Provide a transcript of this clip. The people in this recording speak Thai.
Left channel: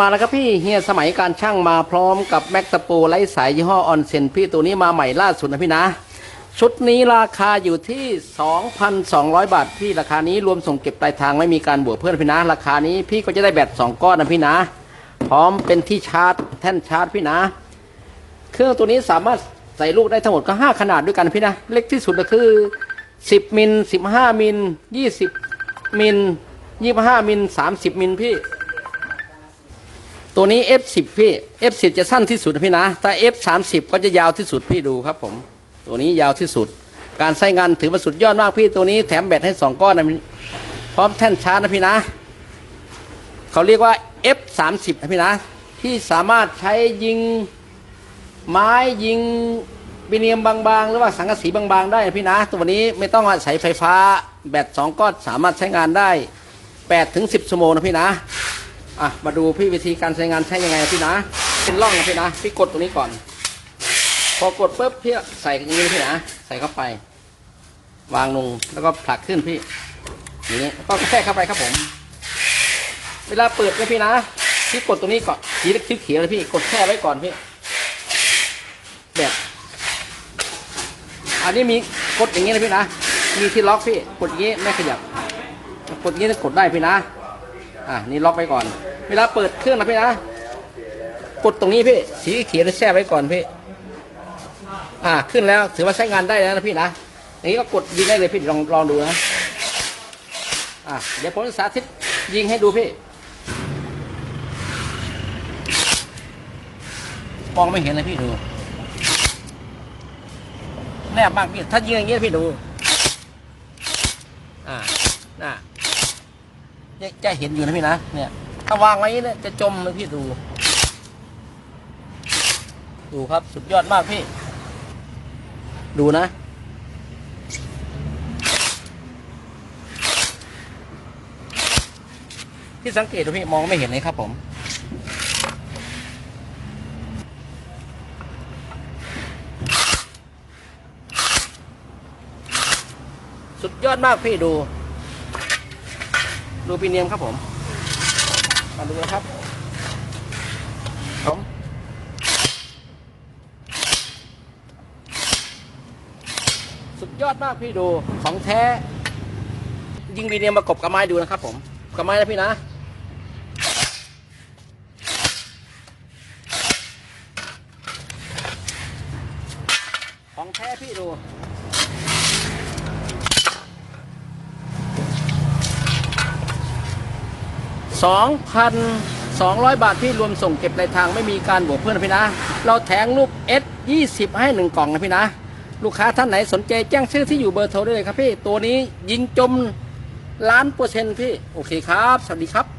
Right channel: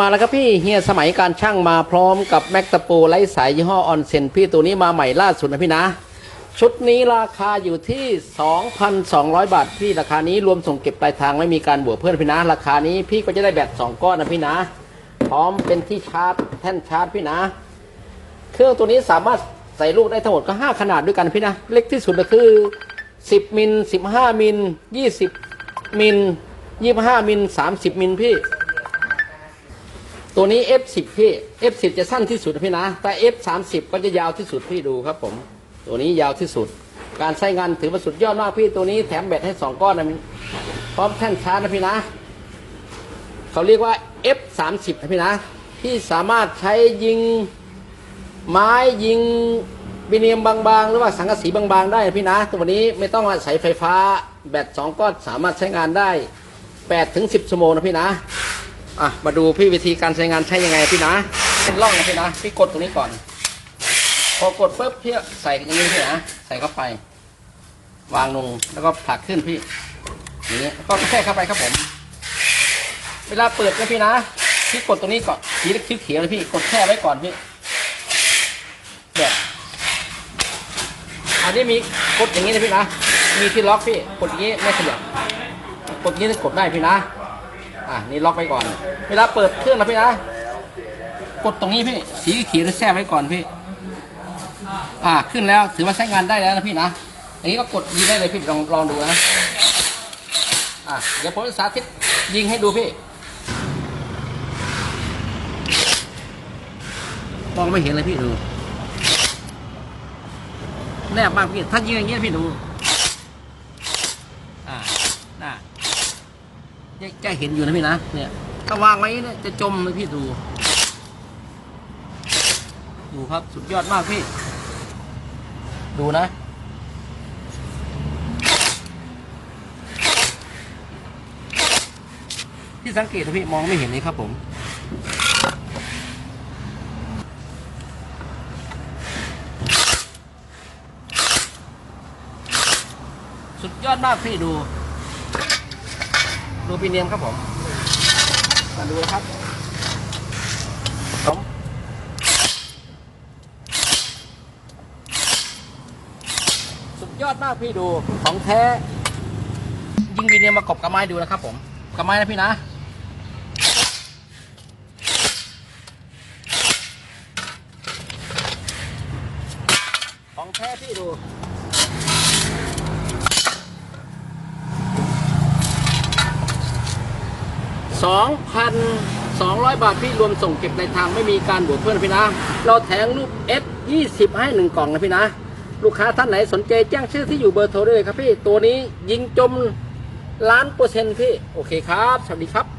มาแล้วครับพี่เฮียสมัยการช่างมาพร้อมกับแม็กตะปูไร้สายยี่ห้อออนเซนพี่ตัวนี้มาใหม่ล่าสุดนะพี่นะ ชุดนี้ราคาอยู่ที่ 2,200 บาทพี่ราคานี้รวมส่งเก็บปลายทางไม่มีการบวกเพิ่มนะพี่นะ ราคานี้พี่ก็จะได้แบต2ก้อนนะพี่นะ พร้อมเป็นที่ชาร์จแท่นชาร์จพี่นะ เครื่องตัวนี้สามารถใส่ลูกได้ทั้งหมดก็ 5 ขนาดด้วยกันพี่นะ เล็กที่สุดก็คือ 10มิล15มิล20มิล25มิล30มิลพี่ ตัวนี้ F10 พี่ F10 จะสั้นที่สุดนะพี่นะแต่ F30 ก็จะยาวที่สุดพี่ดูครับผม ตัวนี้ยาวที่สุด การใช้งานถือว่าสุดยอดมากพี่ตัวนี้แถมแบตให้ 2 ก้อนนะพร้อมแท่นชาร์จนะพี่นะ เขาเรียกว่า F30 นะพี่นะ ที่สามารถใช้ยิงไม้ยิงวิเนียมบางๆ หรือว่าสังกะสีบางๆ ได้พี่นะ ตัวนี้ไม่ต้องอาศัยไฟฟ้า แบต2ก้อนสามารถใช้งานได้8ถึง10ชั่วโมงนะพี่นะ อะมาดูพี่วิธีการใช้งานใช้ยังไงพี่นะเป็นร่องพี่นะพี่กดตรงนี้ก่อน พอกดปุ๊บพี่ใส่อย่างนี้พี่นะใส่เข้าไป วางลงแล้วก็ผลักขึ้นพี่อย่างนี้ก็แค่เข้าไปครับผม เวลาเปิดนะพี่นะพี่กดตรงนี้ก่อนสีเขียวเขียวเลยพี่กดแค่ไว้ก่อนพี่แบบอันนี้มีกดอย่างนี้เลยพี่นะมีที่ล็อกพี่กดอย่างนี้ไม่ขยับกดอย่างนี้กดได้พี่นะ อะนี่ล็อกไปก่อน เวลาเปิดเครื่องนะพี่นะ กดตรงนี้พี่สีเขียวแช่ไว้ก่อนพี่ อ่าขึ้นแล้วถือว่าใช้งานได้แล้วนะพี่นะอย่างนี้ก็กดยิงได้เลยพี่ลองลองดูนะอะเดี๋ยวผมจะสาธิตยิงให้ดูพี่มองไม่เห็นเลยพี่ดูแนบมากพี่ถ้ายิงอย่างนี้พี่ดูอ่าน่ะเนี่ย จะเห็นอยู่นะพี่นะเนี่ย ถ้าวางไว้เนี่ยจะจมเลยพี่ดู ดูครับสุดยอดมากพี่ ดูนะพี่สังเกตดูพี่มองไม่เห็นเลยครับผมสุดยอดมากพี่ดู ดูปีเนียมครับผม มาดูนะครับผมสุดยอดมากพี่ดูของแท้ ยิงวีเนียมประกบกับไม้ดูนะครับผมกับไม้นะพี่นะของแท้พี่ดู 2,200 บาทพี่รวมส่งเก็บในทางไม่มีการบวกเพิ่มนะพี่นะ เราแถงลูก S 20 ให้หนึ่งกล่องนะพี่นะ ลูกค้าท่านไหนสนใจแจ้งชื่อที่อยู่เบอร์โทรได้เลยครับพี่ ตัวนี้ยิงจมล้านเปอร์เซ็นต์พี่ โอเคครับ สวัสดีครับ